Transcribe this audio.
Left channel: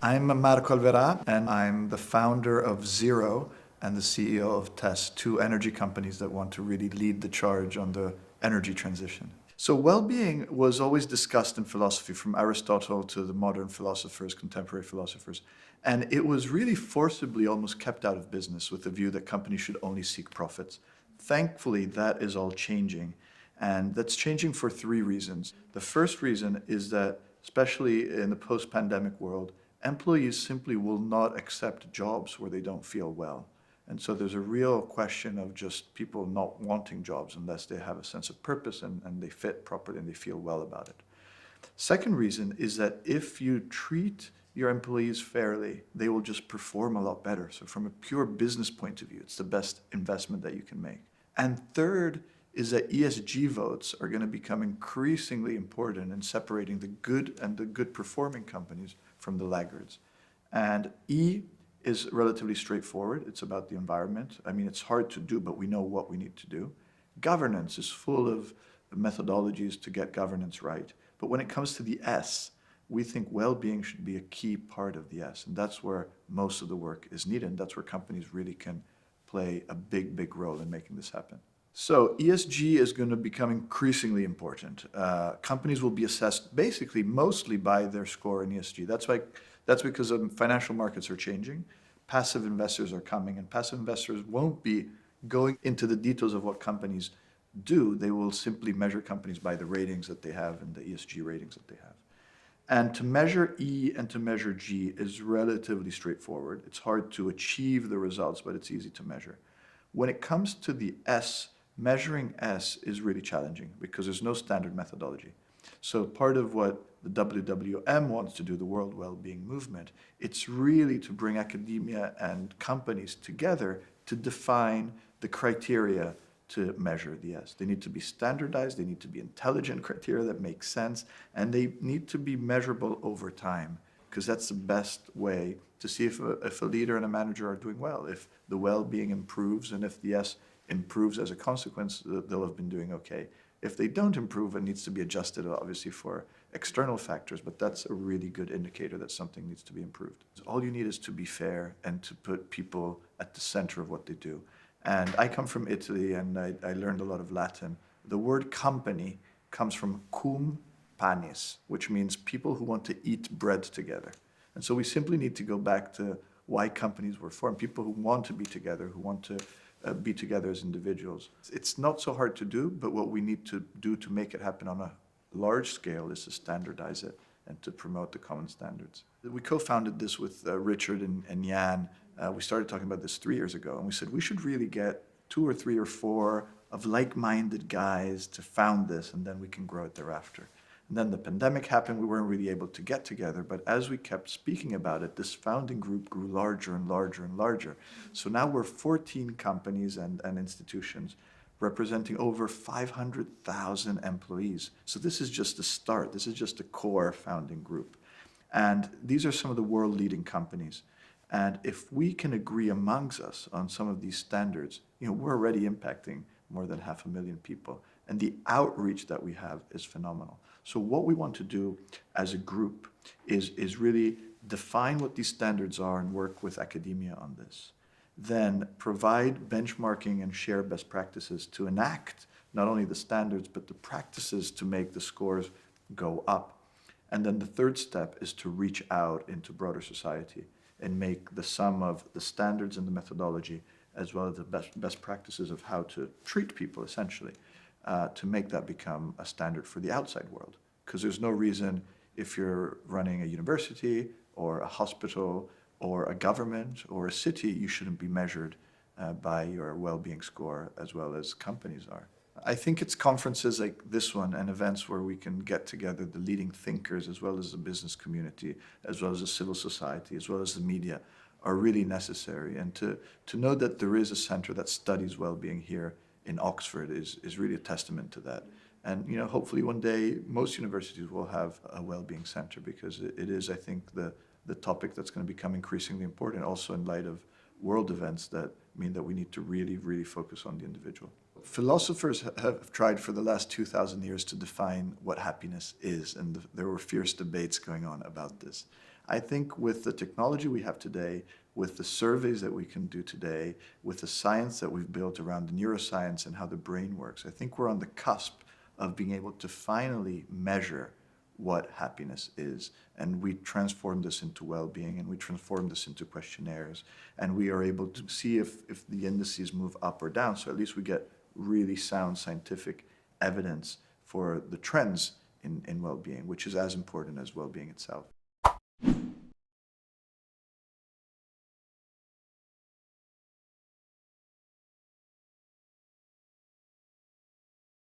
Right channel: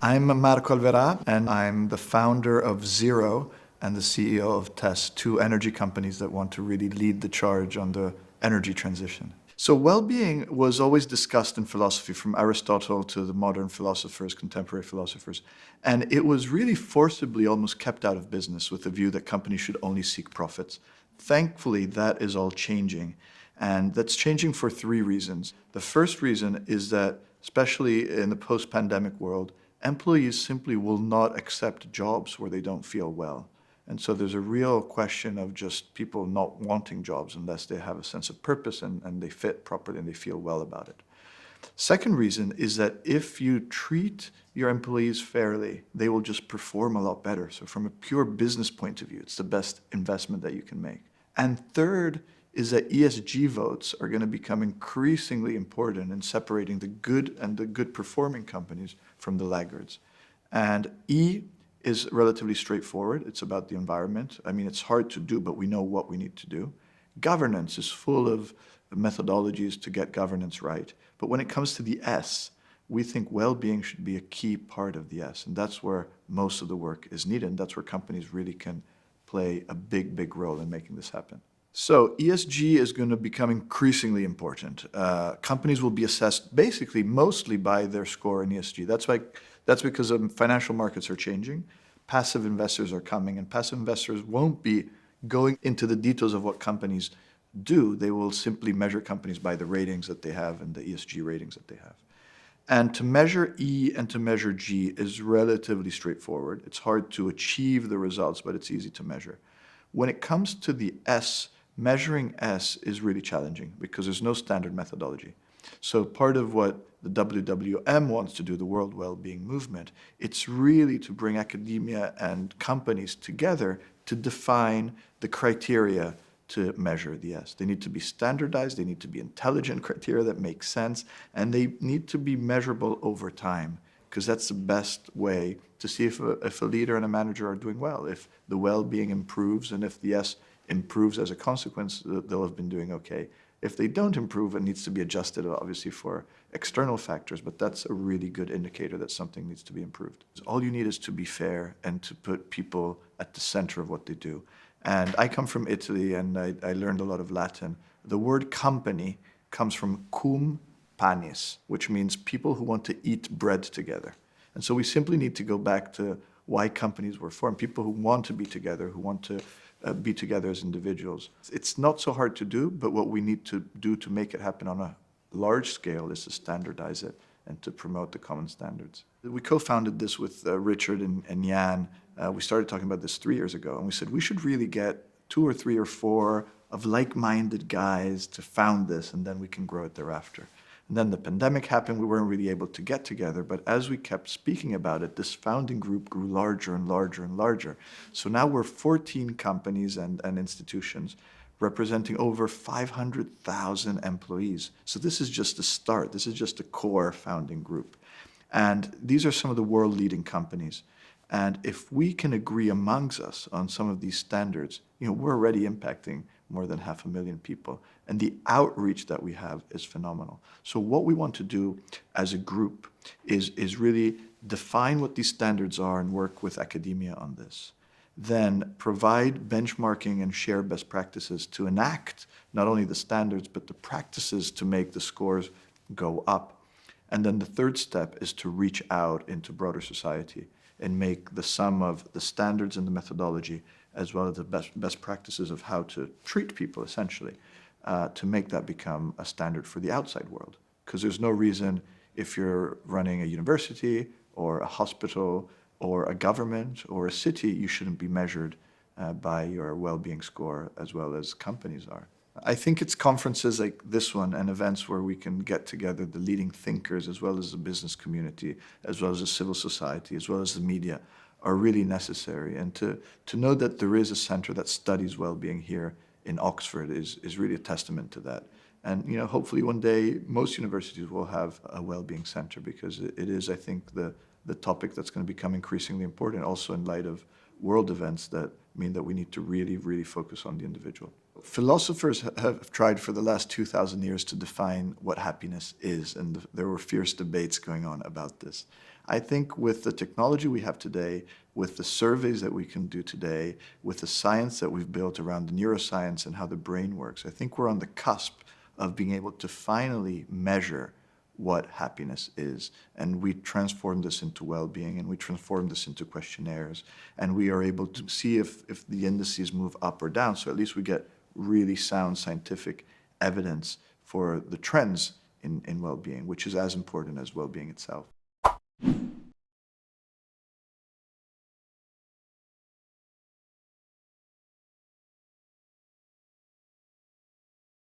I'm Marco Alverà, and I'm the founder of Zhero and the CEO of TES, two energy companies that want to really lead the charge on the energy transition. So well-being was always discussed in philosophy, from Aristotle to the modern philosophers, contemporary philosophers. And it was really forcibly almost kept out of business with the view that companies should only seek profits. Thankfully, that is all changing. And that's changing for three reasons. The first reason is that, especially in the post-pandemic world, employees simply will not accept jobs where they don't feel well. And so there's a real question of just people not wanting jobs unless they have a sense of purpose and they fit properly and they feel well about it. Second reason is that if you treat your employees fairly, they will just perform a lot better. So from a pure business point of view, it's the best investment that you can make. And third is that ESG votes are going to become increasingly important in separating the good and the good performing companies from the laggards. And E is relatively straightforward. It's about the environment. I mean, it's hard to do, but we know what we need to do. Governance is full of methodologies to get governance right. But when it comes to the S, we think well-being should be a key part of the S. And that's where most of the work is needed. And that's where companies really can play a big, big role in making this happen. So ESG is going to become increasingly important. Companies will be assessed basically mostly by their score in ESG. That's because financial markets are changing. Passive investors are coming, and passive investors won't be going into the details of what companies do. They will simply measure companies by the ratings that they have and the ESG ratings that they have. And to measure E and to measure G is relatively straightforward. It's hard to achieve the results, but it's easy to measure. When it comes to the S, measuring S is really challenging because there's no standard methodology. So part of what the WWM wants to do, the World Wellbeing Movement, it's really to bring academia and companies together to define the criteria to measure the S. They need to be standardized, they need to be intelligent criteria that make sense, and they need to be measurable over time, because that's the best way to see if a leader and a manager are doing well. If the well-being improves and if the S improves as a consequence, they'll have been doing okay. If they don't improve, it needs to be adjusted, obviously, for external factors, but that's a really good indicator that something needs to be improved. All you need is to be fair and to put people at the center of what they do. And I come from Italy, and I learned a lot of Latin. The word company comes from cum panis, which means people who want to eat bread together. And so we simply need to go back to why companies were formed, people who want to be together, who want to be together as individuals. It's not so hard to do, but what we need to do to make it happen on a large scale is to standardize it and to promote the common standards. We co-founded this with Richard and Jan. We started talking about this 3 years ago, and we said we should really get 2 or 3 or 4 of like-minded guys to found this, and then we can grow it thereafter. And then the pandemic happened, we weren't really able to get together, but as we kept speaking about it, this founding group grew larger and larger and larger. So now we're 14 companies and institutions representing over 500,000 employees. So this is just the start. This is just a core founding group. And these are some of the world-leading companies. And if we can agree amongst us on some of these standards, we're already impacting more than 500,000 people. And the outreach that we have is phenomenal. So what we want to do as a group is really define what these standards are and work with academia on this. Then provide benchmarking and share best practices to enact not only the standards, but the practices to make the scores go up. And then the third step is to reach out into broader society and make the sum of the standards and the methodology, as well as the best practices of how to treat people, essentially, to make that become a standard for the outside world. Because there's no reason, if you're running a university or a hospital or a government or a city, you shouldn't be measured by your well-being score as well as companies are. I think it's conferences like this one and events where we can get together the leading thinkers as well as the business community, as well as the civil society, as well as the media, are really necessary. And to know that there is a center that studies well-being here in Oxford is really a testament to that. And hopefully one day most universities will have a well-being center, because it is, I think, the topic that's going to become increasingly important, also in light of world events that mean that we need to really, really focus on the individual. Philosophers have tried for the last 2,000 years to define what happiness is, and there were fierce debates going on about this. I think with the technology we have today, with the surveys that we can do today, with the science that we've built around the neuroscience and how the brain works, I think we're on the cusp of being able to finally measure what happiness is. And we transform this into well-being, and we transform this into questionnaires, and we are able to see if the indices move up or down. So at least we get really sound scientific evidence for the trends in well-being, which is as important as well-being itself.